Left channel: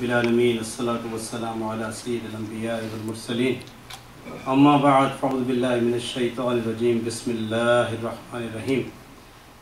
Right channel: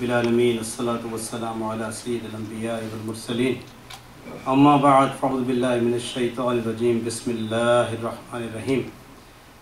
بالعالمین الصلاۃ والسلام علی سید الانبیاء والمرسلین اما بعد فاعوذ باللہ من الشیطان الرجیم بسم اللہ الرحمن الرحیم.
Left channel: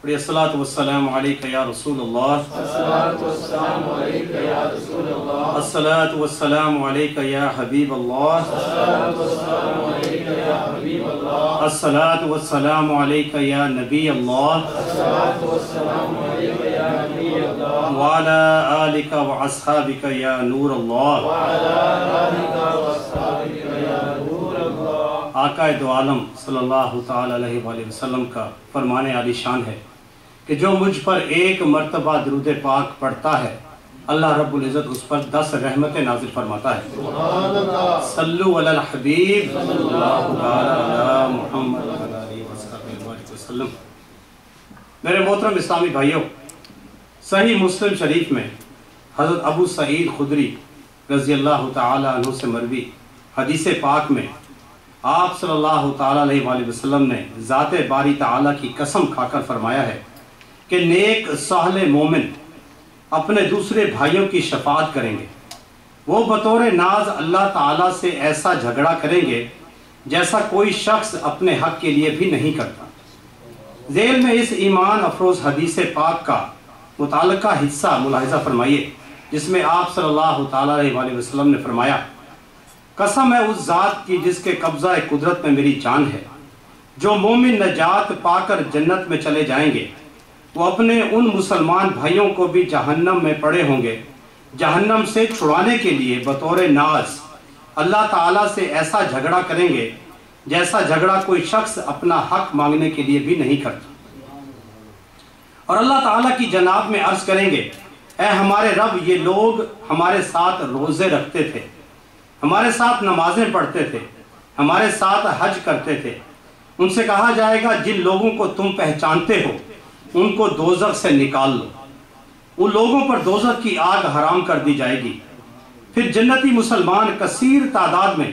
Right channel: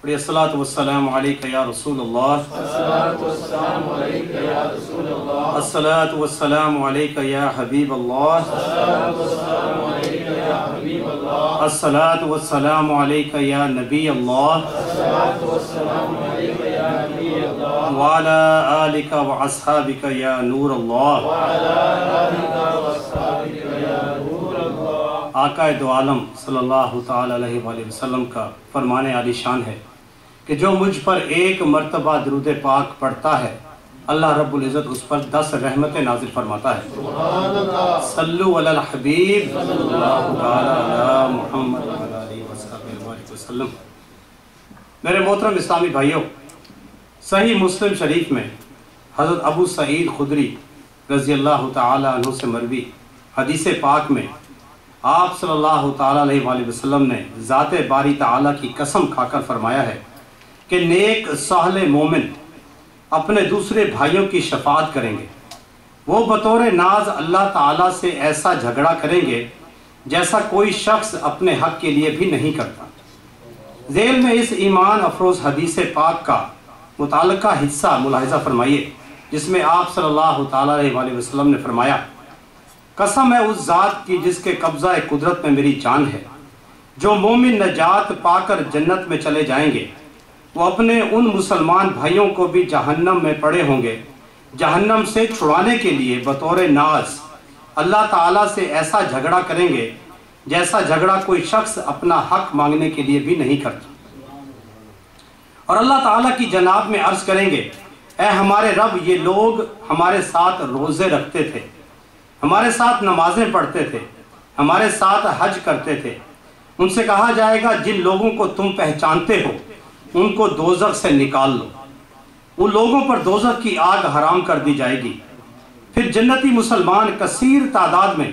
پڑھیے الصلاۃ والسلام علیک یا رسول اللہ، الصلاۃ والسلام علیک یا رسول اللہ، الصلاۃ والسلام علیک یا حبیب اللہ، الصلاۃ والسلام علیک یا حبیب اللہ، الصلاۃ والسلام علیک یا نبی اللہ، الصلاۃ والسلام علیک یا نبی اللہ، وعلی آلک واصحابک یا نور اللہ. وعلی آلک واصحابک یا نور اللہ. آقا دو عالم صلی اللہ تعالی علیہ وآلہ وسلم کا فرمان عالی شان ہے کہ جو مجھ پر ایک مرتبہ درود پاک پڑھتا ہے اللہ رب العزت اس پر 10 رحمتیں نازل فرماتا ہے. سبحان اللہ. صلو علی الحبیب صلی اللہ تعالی علی محمد وعلی آلہ وصحبہ وسلم. میرے محترم اسلامی بھائیوں، صحیح مسلم شریف میں حضرت ابو سعید خدری رضی اللہ تعالی عنہ سے مروی حدیث پاک میں آپ صلی اللہ تعالی علیہ وآلہ وسلم نے ذات باری تعالی کی قسم کھا کر فرمایا ہے کہ نیک صالح مومن اپنے دوسرے بھائیوں کی شفاعت کریں گے. وہ بطور ناز اللہ تعالیٰ سے ایسا جھگڑا کریں گے جیسا کوئی شخص اپنے حق کے لیے بھی نہیں کرتا. ذیل میں اس ایمان افروز حدیث پاک کا متعلقہ حصہ ملاحظہ فرمائیے، جس میں آپ صلی اللہ تعالیٰ علیہ وآلہ وسلم نے فرمایا، قسم ہے اس ذات کی جس کے قبضہ قدرت میں میری جان ہے، جو مومن نجات پا کر جنت میں چلے جائیں گے وہ اپنے ان مسلمان بھائیوں کو بھی جہنم میں پڑے ہوں گے جہنم سے چھڑانے کے لیے بطور ناز اللہ تعالیٰ سے ایسا جھگڑا کریں گے جیسا جھگڑا کوئی شخص اپنا حق مانگنے کے لیے بھی نہیں کرتا. اور اللہ تعالیٰ کی جناب میں عرض کریں گے، اے ہمارے رب، یہ لوگ ہمارے ساتھ روزے رکھتے تھے، ہمارے ساتھ نمازیں پڑھتے تھے، ہمارے ساتھ حج کرتے تھے. ان سے کہا جائے گا جن لوگوں کو تم پہچانتے ہو ان کو دوزخ سے نکال لو. ان لوگوں پر دوزخ کی آگ حرام کر دی جائے گی. پھر جنتی مسلمان کثیر تعداد میں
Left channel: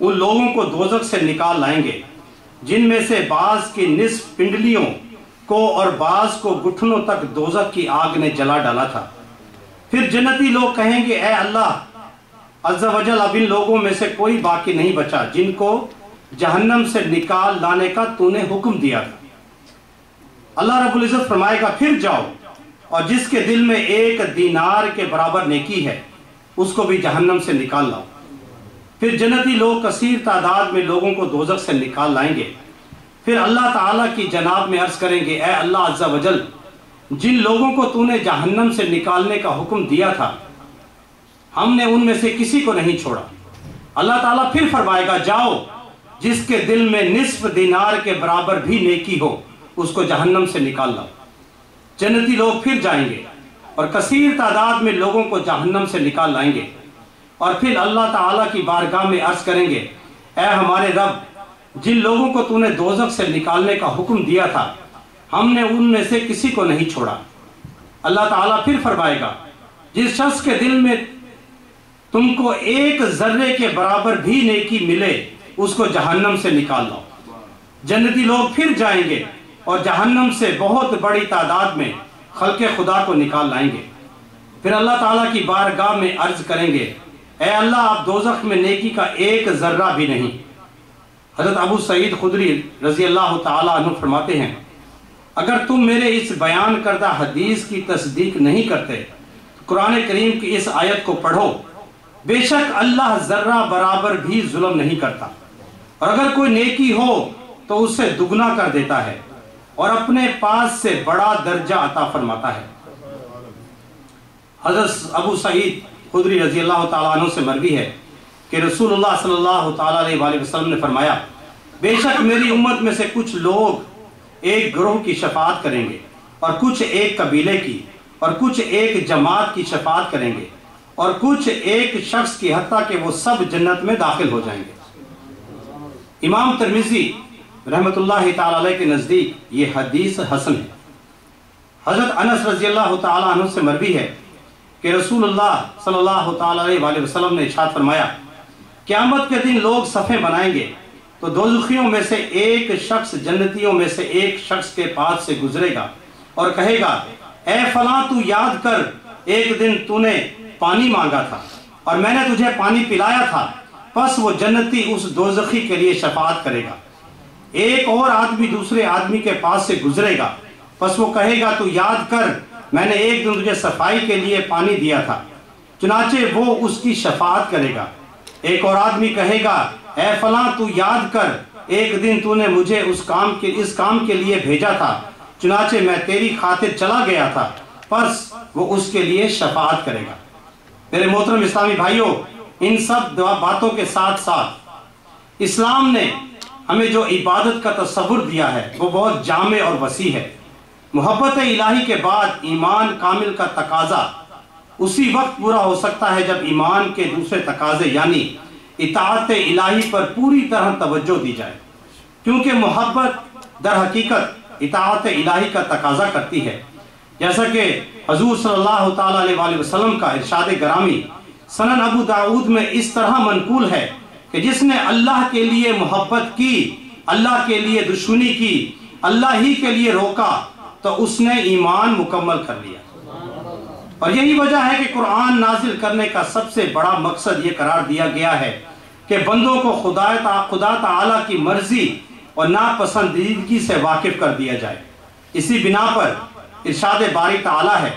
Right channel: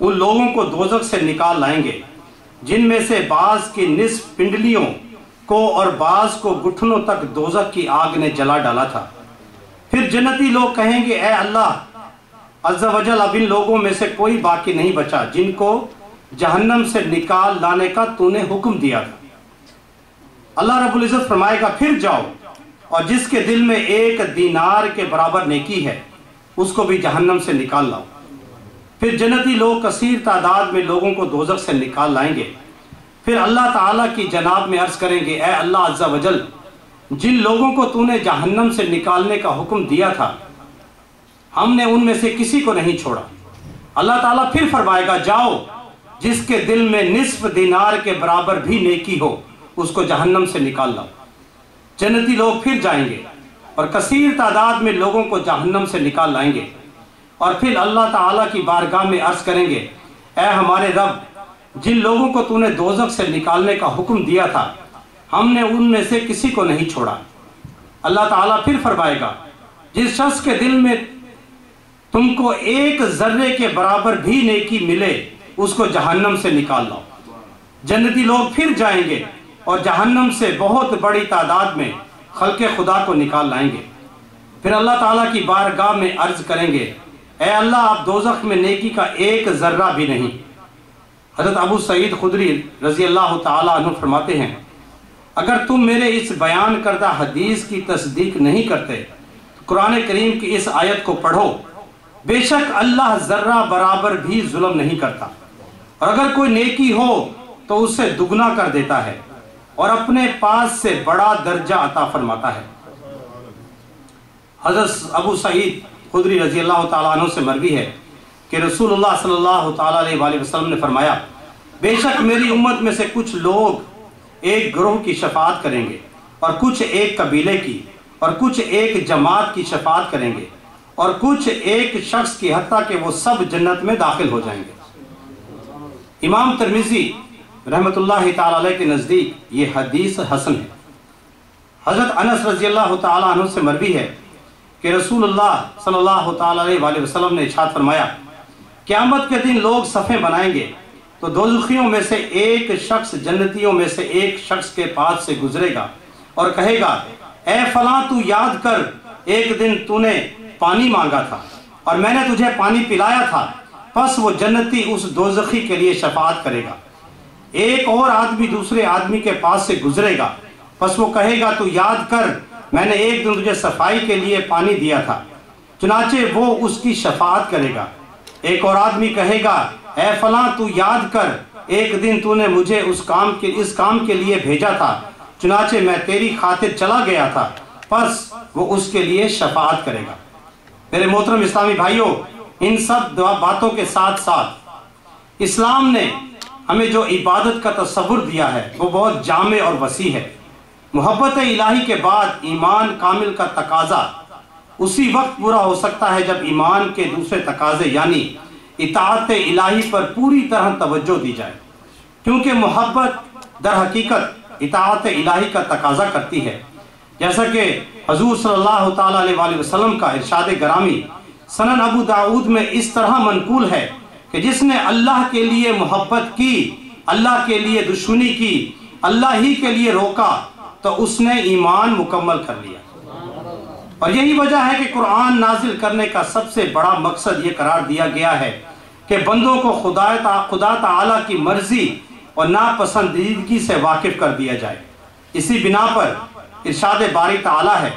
ان لوگوں کو دوزخ سے نکال لائیں گے جن میں سے بعض کی نصف پنڈلیوں کو اور بعض کو گھٹنوں تک دوزخ کی آگ نے جلا ڈالا تھا. پھر جنتی لوگ کہیں گے، اے اللہ عز و جل، اب ان لوگوں میں سے کوئی باقی نہیں بچا جن کو جہنم سے نکال لانے کا تو نے حکم دیا تھا. اللہ رب العزت فرمائے گا، پھر جاؤ اور جس کے دل میں 1 دینار کے برابر نیکی ہے اس کو بھی جہنم سے نکال لاؤ. پھر جنتی لوگ کثیر تعداد میں لوگوں کو دوزخ سے نکال لائیں گے. پھر اللہ تعالیٰ کی جناب میں عرض کریں گے، اے اللہ عز و جل، جن لوگوں کو تو نے جہنم سے نکالنے کا حکم دیا تھا ہم نے ان میں سے کسی کو نہیں چھوڑا. اللہ تعالیٰ پھر فرمائے گا، جاؤ جس کے دل میں نصف دینار کے برابر بھی نیکی ہو اس کو جہنم سے نکال لاؤ. جنتی لوگ پھر جائیں گے اور کثیر تعداد میں لوگوں کو جہنم سے نکال لائیں گے اور پھر اللہ تعالیٰ کی بارگاہ میں عرض کریں گے، اے ہمارے رب، جن لوگوں کو تو نے دوزخ سے نکالنے کا حکم دیا تھا ہم نے ان میں سے کسی کو نہیں چھوڑا. اللہ تعالیٰ پھر فرمائے گا، جس شخص کے دل میں تم کو 1 ذرے کے برابر بھی نیکی ملے اس کو جہنم سے نکال لاؤ. جنتی لوگ پھر جائیں گے اور جہنم سے بہت بڑی تعداد میں خلق خدا کو نکال لائیں گے. پھر اللہ تعالیٰ کی بارگاہ میں عرض کریں گے، اے اللہ، آپ دوزخ میں نیکی کا 1 ذرہ بھی نہیں. حضرت ابو سعید خدری رضی اللہ تعالیٰ عنہ فرماتے ہیں، اگر تم میرے اس بیان کردہ حدیث کی تصدیق نہیں کرتے تو قرآن کریم کی اس آیت کو پڑھو، بے شک اللہ ذرہ برابر بھی ظلم نہیں کرتا، اور اگر کوئی نیکی ہو تو اسے دگنا کر دیتا ہے اور اپنے پاس سے بڑا درجہ عطا فرماتا ہے. حضرت ابو سعید خدری رضی اللہ تعالیٰ عنہ سے مروی ہے کہ رسول اللہ صلی اللہ تعالیٰ علیہ وآلہ وسلم نے فرمایا، بے شک میری امت میں سے کچھ لوگ ایک گروہ کی شفاعت کریں گے اور کچھ ایک قبیلے کی اور کچھ ایک جماعت کی شفاعت کریں گے اور کچھ ایک شخص کی، حتیٰ کہ وہ سب جنت میں داخل ہو جائیں گے. امام ترمذی رحمت اللہ تعالیٰ علیہ کے نزدیک یہ حدیث حسن ہے. حضرت انس رضی اللہ تعالیٰ عنہ سے مروی ہے کہ رسول اللہ صلی اللہ تعالیٰ علیہ وآلہ وسلم نے ارشاد فرمایا، قیامت کے دن لوگ صفیں بنائیں گے تو دوزخیوں میں سے ایک شخص جنتیوں میں سے ایک شخص کے پاس سے گزرے گا اور کہے گا، اے فلاں، تو یاد کر ایک دن تو نے پانی مانگا تھا اور میں نے تجھے پانی پلایا تھا، پس وہ جنتی اس دوزخی کے لیے شفاعت کرے گا۔ ایک اور آدمی دوسرے آدمی کے پاس سے گزرے گا، پس وہ کہے گا تو یاد کر میں نے ایک دن تجھے صفائی کے لیے پانی دیا تھا، چنانچہ وہ اس کی شفاعت کرے گا۔ ایک اور آدمی کہے گا اے فلاں تو یاد کر ایک دن تو نے مجھے اس کام کے لیے بھیجا تھا، چنانچہ میں تیری خاطر چلا گیا تھا، پس وہ اس کے لیے شفاعت کرے گا۔ میرے محترم اسلامی بھائیوں، ان سب باتوں کے ساتھ ساتھ اسلام نے ہمیں جو عبادت کا تصور دیا ہے وہ بہت جامع اور وسیع ہے۔ محبت الہی کے بعد ایمان کامل کا تقاضا اسی وقت پورا ہو سکتا ہے جب ایمان کے دوسرے تقاضے یعنی اطاعت الہی پر پوری طرح توجہ دی جائے، کیونکہ محبت در حقیقت اطاعت الہی کا تقاضا کرتی ہے، جیسا کہ حضور صلی اللہ تعالیٰ علیہ وسلم کا ارشاد گرامی سنن ابو داؤد میں اس طرح منقول ہے کہ جس نے اللہ کے لیے محبت کی، اللہ کے لیے دشمنی کی، اللہ ہی کے لیے روکا تو اس نے ایمان مکمل کر لیا۔ اور یہی وجہ ہے کہ قرآن نازل کرنے کا سب سے بڑا مقصد یہ قرار دیا گیا ہے کہ بندوں کو خدا تعالیٰ کی مرضی اور ناپسندیدگی سے واقف کر دیا جائے۔ اسی بنا پر ارشاد باری تعالیٰ ہے،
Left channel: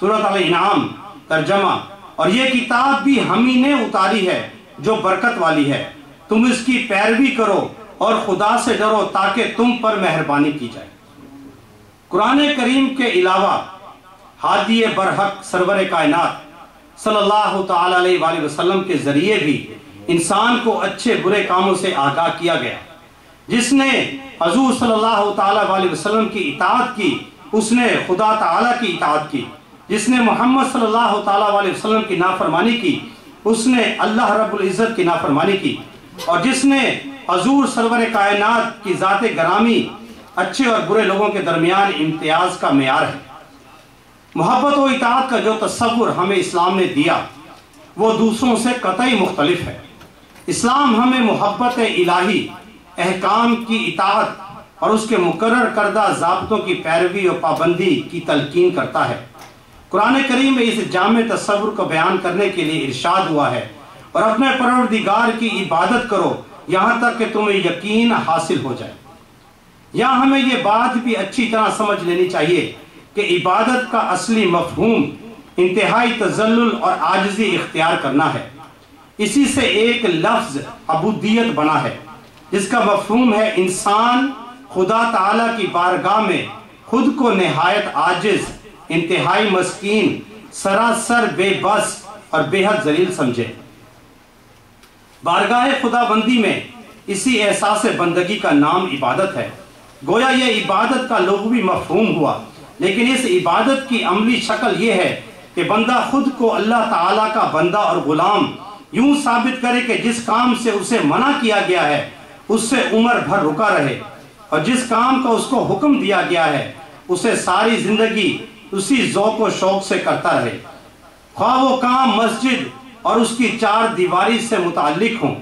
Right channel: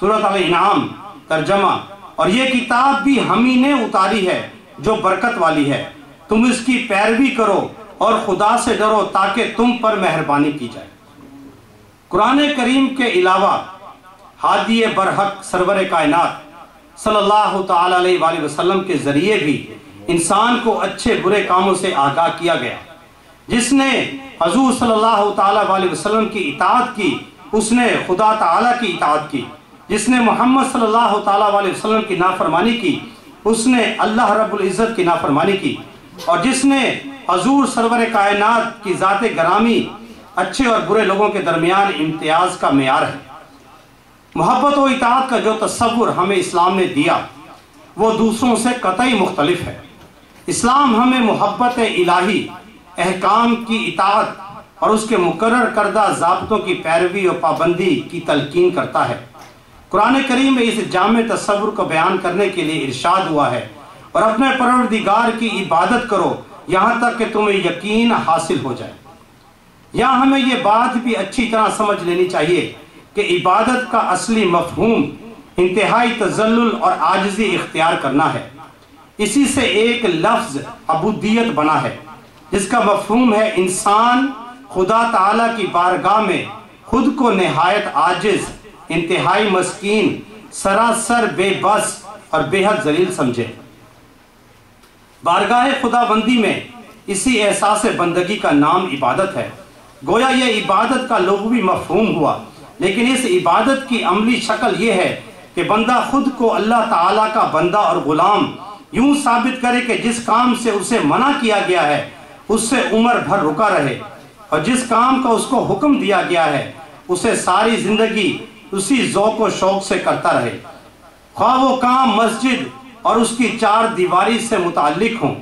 سورۃ الانعام ترجمہ، اور یہ کتاب بھی ہم ہی نے اتاری ہے جو برکت والی ہے، تم اس کی پیروی کرو اور خدا سے ڈرو تاکہ تم پر مہربانی کی جائے۔ قرآن کریم کے علاوہ ہادی برحق سرور کائنات صلی اللہ تعالیٰ علیہ وسلم کے ذریعے بھی انسان کو اچھے برے کاموں سے آگاہ کیا گیا۔ جس نے حضور صلی اللہ تعالیٰ علیہ وسلم کی اطاعت کی اس نے خدا تعالیٰ کی اطاعت کی، جس نے محمد صلی اللہ تعالیٰ علیہ وسلم کی نافرمانی کی اس نے اللہ رب العزت کی نافرمانی کی، اور جس نے حضور سرور کائنات کی ذات گرامی اچھے اور برے لوگوں کے درمیان امتیاز کا معیار ہے۔ محبت و اطاعت کا جو تصور ہمیں اسلام نے دیا وہ دوسروں سے قطعی مختلف ہے۔ اسلام ہمیں محبت الہی، احکام کی اطاعت اور اس کے مقرر کردہ ضابطوں کی پیروی و پابندی کی تلقین کرتا ہے۔ قرآن کریم میں اس جامع تصور کو بیان کرنے کے لیے ارشاد ہوا ہے اور اپنے پروردگار کی عبادت کرو یہاں تک کہ تمہیں یقین حاصل ہو جائے۔ یہاں ہمیں یہ بات بھی اچھی طرح سمجھ لینی چاہیے کہ عبادت کا اصلی مفہوم انتہائی تذلل اور عاجزی اختیار کرنا ہے۔ اسی سے ایک لفظ عبودیت بنا ہے جس کا مفہوم ہے انسان خدا تعالیٰ کی بارگاہ میں خود کو نہایت عاجز، انتہائی مسکین، سراسر بے بس اور بے حد ذلیل سمجھے۔ بارگاہ خدا بندی میں اسی احساس بندگی کا نام عبادت ہے۔ گویا یہ عبادت کا لغوی مفہوم ہوا، لیکن اس عبادت کی عملی شکل یہ ہے کہ بندہ خود کو اللہ تعالیٰ کا بندہ اور غلام یوں ثابت کرے کہ جس کام سے اسے منع کیا گیا ہے اس سے عمر بھر رکا رہے، اور جس کام کا اس کو حکم دیا گیا ہے اسے ساری زندگی اسی ذوق و شوق سے کرتا رہے، خواہ وہ کام مسجد اور اس کی چار دیواری سے متعلق ہوں،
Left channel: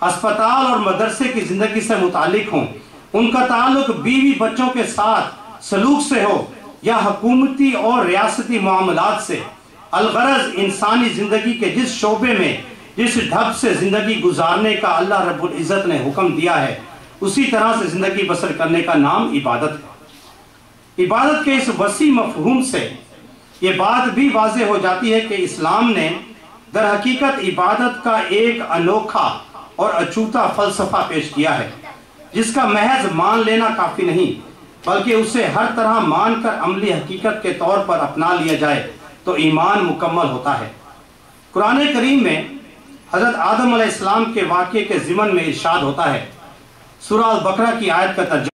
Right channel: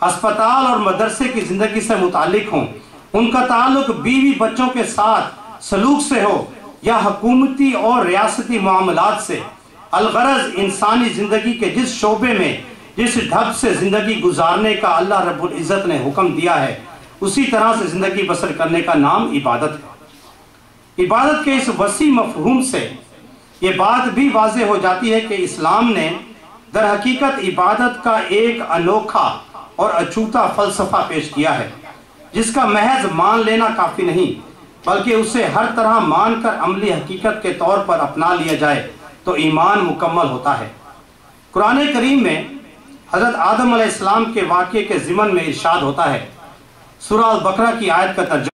ہسپتال اور مدرسے کی زندگی سے متعلق ہوں، ان کا تعلق بیوی بچوں کے ساتھ سلوک سے ہو یا حکومتی اور ریاستی معاملات سے۔ الغرض انسانی زندگی کے جس شعبے میں جس ڈھب سے زندگی گزارنے کا اللہ رب العزت نے حکم دیا ہے اسی طرح سے زندگی بسر کرنے کا نام عبادت ہے۔ عبادت کے اس وسیع مفہوم سے یہ بات بھی واضح ہو جاتی ہے کہ اسلام نے در حقیقت عبادت کا ایک انوکھا اور اچھوتا فلسفہ پیش کیا ہے جس کا محض مان لینا کافی نہیں بلکہ اسے ہر طرح مان کر عملی حقیقت کے طور پر اپنا لیا جائے تو ایمان مکمل ہوتا ہے۔ قرآن کریم میں حضرت آدم علیہ السلام کے واقعے کے ضمن میں ارشاد ہوتا ہے، سورہ البقرہ کی آیت کا ترجمہ